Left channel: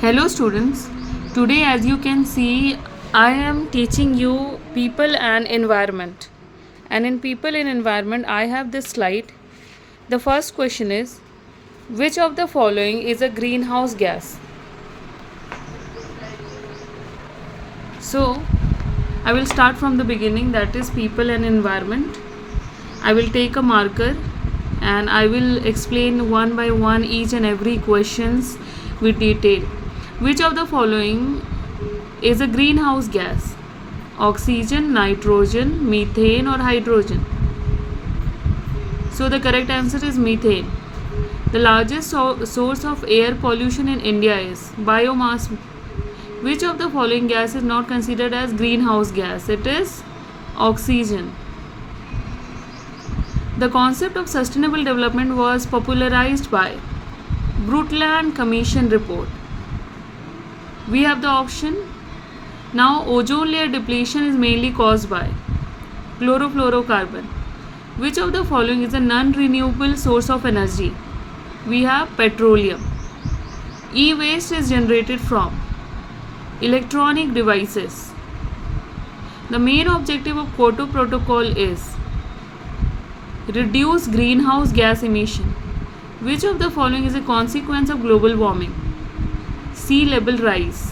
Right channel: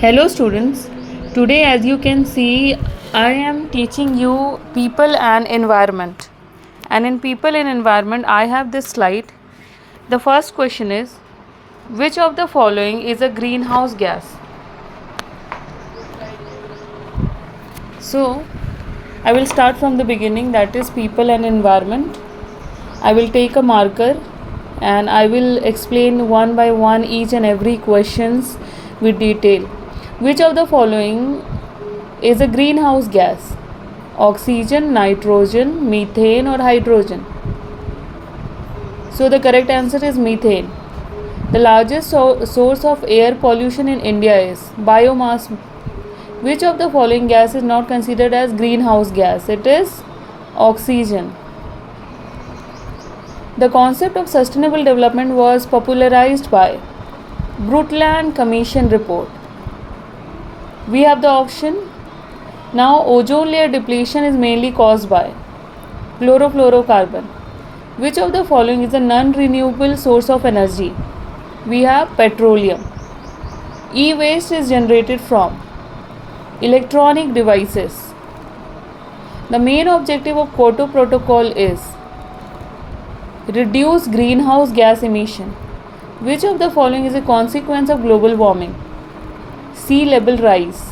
Hello students, today as you can see I am teaching you people and environment, and in people and environment I have this slide. The first question is, which of the following is a greenhouse gas? So I will start from the beginning, that is people and environment. I will take a marker and I will explain one by one each and every questions with detail. Which of the following is a greenhouse gas? Oxygen, nitrogen, methane or hydrogen? So the correct answer is methane. The largest source of air pollution in India is biomass. Which of the following gas is not considered as greenhouse gas? It is oxygen. The concept of sustainable development was popularized by Brundtland Commission report. We have the option. Now ozone layer depletion is mainly caused by chlorofluorocarbon. Which of the following is a non-renewable source of energy? We have petroleum. E-waste is generated from electronic devices. The main objective of Kyoto Protocol is reduce greenhouse gas emission. Which of the following is a consequence of global warming? Sea level rise.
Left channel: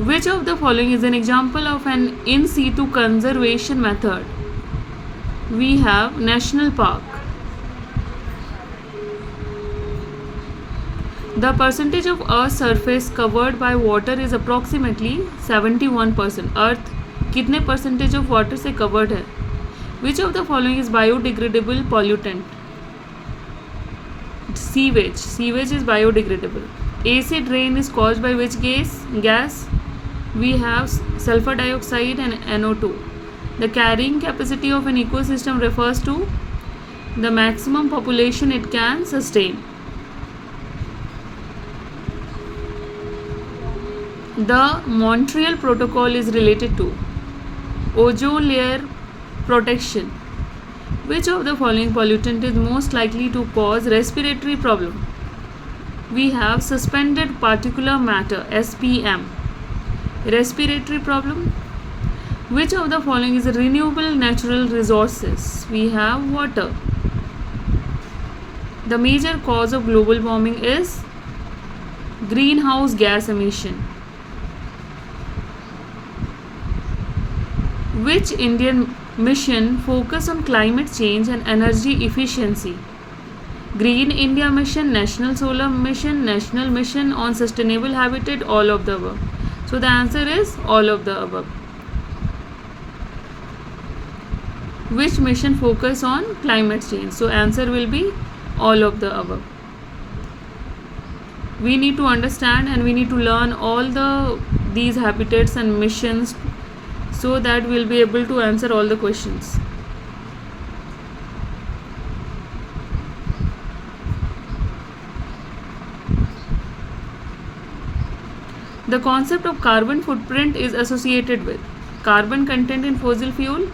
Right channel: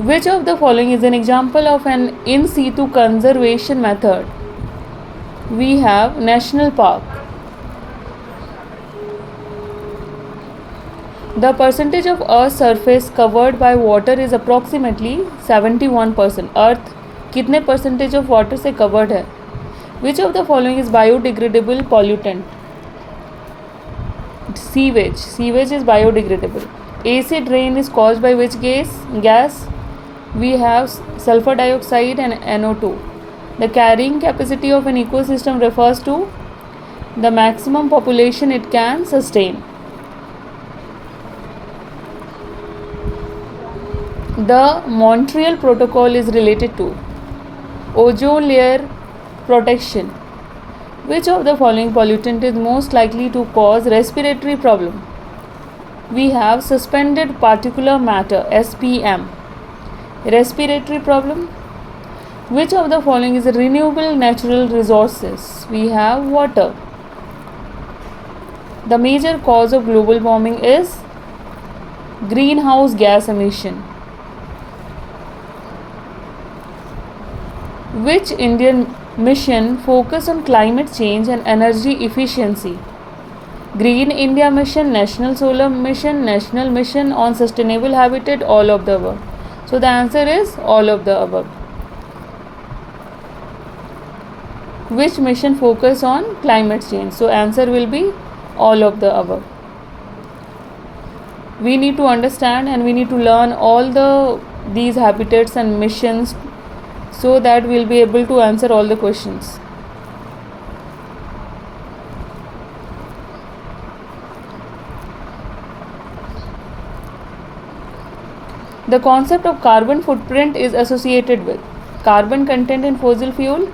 Which of the following is an example of an in situ conservation method? We have national park. The percentage of Earth's surface covered by water is approximately 71%. Earth कितने percentage of water से covered है? Which of the following is biodegradable pollutant? Sewage. Sewage is biodegradable. Acid rain is caused by which gas? We have sulfur dioxide and NO2. The carrying capacity of an ecosystem refers to the maximum population it can sustain. The Montreal Protocol is related to ozone layer protection. Which of the following pollutant is most likely to cause respiratory problem? We have suspended particulate matter, SPM. Respiratory problem. Which of the following is a renewable natural resources? We have water. The major cause of global warming is greenhouse gas emission. Which Indian mission focus on climate change and energy efficiency? Green India Mission, National Solar Mission, National Mission on Sustainable Habitat, all of the above. So the answer is all of the above. Which mission focus on climate change? So answer will be all of the above. We need to understand and we need to learn all these habitats and missions so that we'll be able to answer all the questions. The concept of carbon footprint is associated with carbon content in fossil fuel.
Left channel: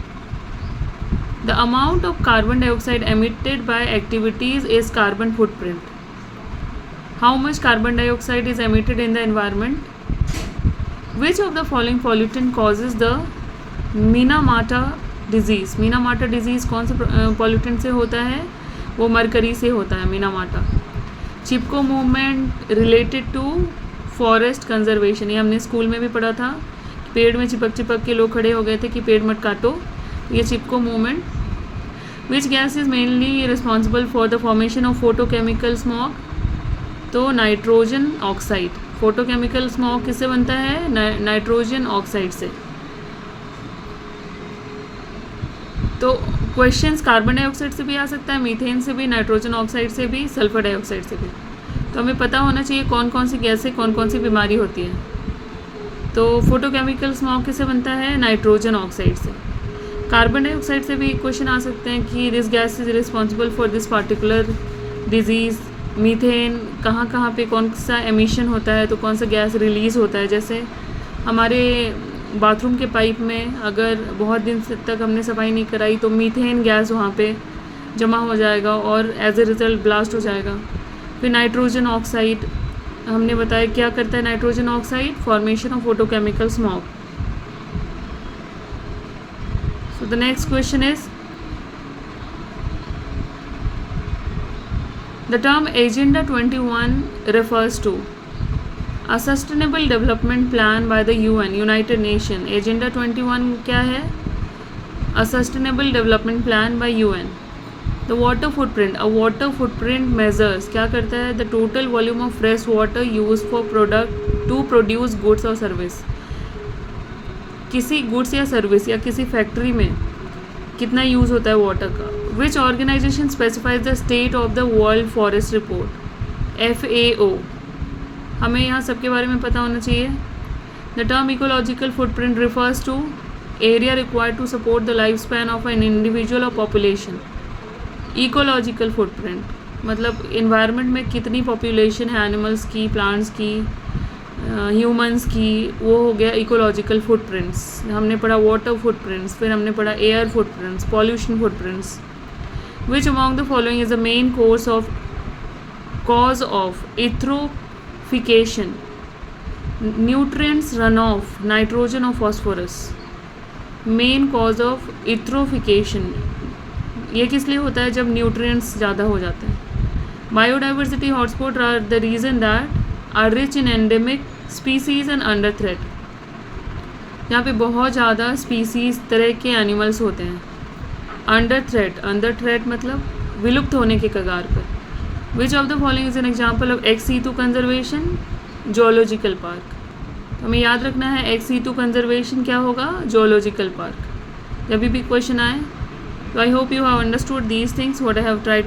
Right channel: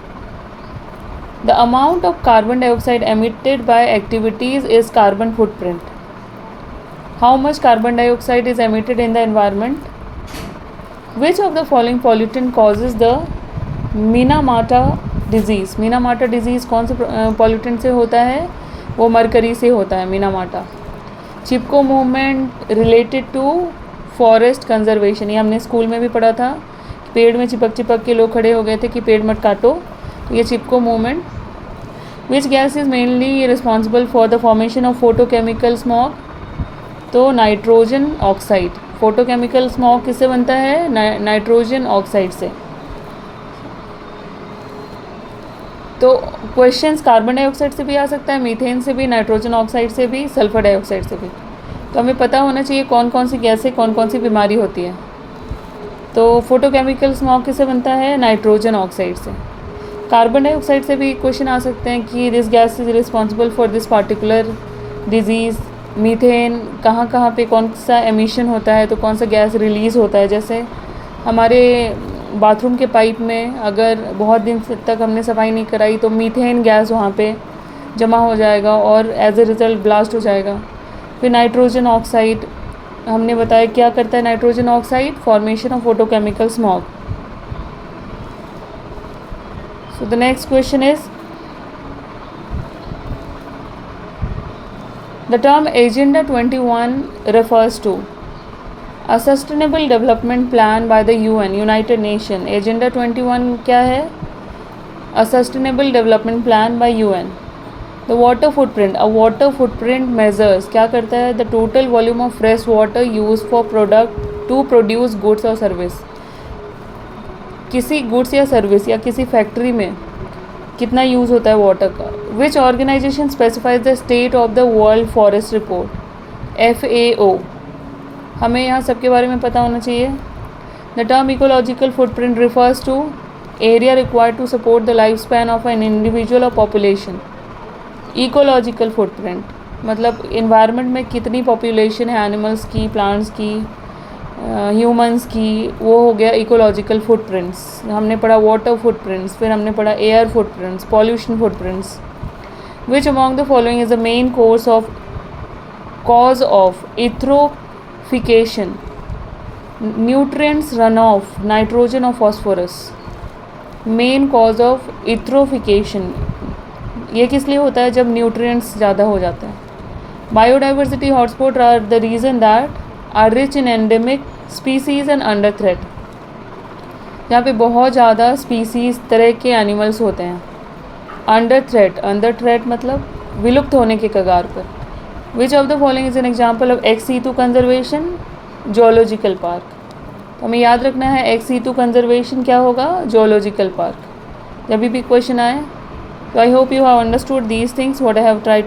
The amount of carbon dioxide emitted by activities is carbon footprint. How much carbon dioxide is emitted in the environment? Which of the following pollutant causes the Minamata disease? Minamata disease कौन से pollutant से होता है? वो mercury से होता है, Minamata. Chipko movement related to forest conservation. ये हमने स्कूल में भी पढ़ा था. पेड़ में चिपक के लोग खड़े हो गए थे कि पेड़ मत काटो. ये Chipko movement. Which gas is mainly responsible for the formation of photochemical smog? तो नाइट्रोजन ऑक्साइड. फोटोकेमिकल स्मॉग किससे बनता है? नाइट्रोजन ऑक्साइड से. तो क्वेश्चंस कार्बन डाइऑक्साइड से भी आ सकता है, मीथेन से भी, नाइट्रोजन ऑक्साइड से भी, सल्फर डाइऑक्साइड से भी. तो हमें पता होना चाहिए कौन कौन सी गैस से कौन कौन सी बीमारी होती है. तो फोटोकेमिकल स्मॉग किससे बनता है? नाइट्रोजन ऑक्साइड से. कार्बन डाइऑक्साइड से भी क्वेश्चन आ सकते हैं कि this gas is responsible for this particular disease. Methane कहाँ पे कौन सा एमिशन होता है, तो कौन सा गैस रिलीज़ होता है. जैसे हमारे बाथरूम के पाइप में अगर बहुत दिन तक हमने सफाई नहीं कराई तो मीथेन गैस वहाँ पे जमा हो जाएगा और एज ए रिज़ल्ट ब्लास्ट हो जाएगा. फिर नाइट्रोजन ऑक्साइड, हमने बताया क्या करता है nitrogen oxide, formation of photochemical smog. So the next question is the term agenda 21 refers to a sustainable development plan by the UN United Nation. Agenda 21 क्या है? A sustainable development plan by UN. The water footprint. A water footprint measures क्या करता है? The total volume of fresh water used for product to produce goods or service. किसी goods या service या किसी factory में कितना यूज़ होता है वाटर का. Which organisation specifies the state of the world forest report? FAO. हमें यहाँ सबके बारे में पता होना चाहिए. The term ecological footprint refers to area required to support the life span of an individual और पॉपुलेशन. इकोलॉजिकल फुटप्रिंट मतलब इन्वायरमेंट में कितनी पॉपुलेशन है एनिमल्स की, प्लांट्स की, ह्यूमंस की, वो हो गया इकोलॉजिकल फुटप्रिंट्स. हमने पढ़ा वाटर फुटप्रिंट्स, फिर हमने पढ़ा air footprints, pollution footprints. Which among the following is the main cause of eutrophication? Nutrients run off, nitrogen और phosphorus. Main cause of eutrophication ये किस लिए होता है? जब न्यूट्रिएंट्स ज़्यादा हो जाते हैं. Biodiversity hotspot are the region that are rich in endemic species and under threat. जहाँ पे बहुत ज़्यादा स्पीसीज तरह के एनिमल्स होते हैं. अंडर थ्रेट मतलब विलुप्त होने के कगार पर. Which of the following is an example of ex situ conservation? Zoological park. तो हमें याद रखना है एक्स सीटू कंजर्वेशन क्या होगा? Zoological park. जब भी क्वेश्चन आए. So I hope you have understood these things what I have tried to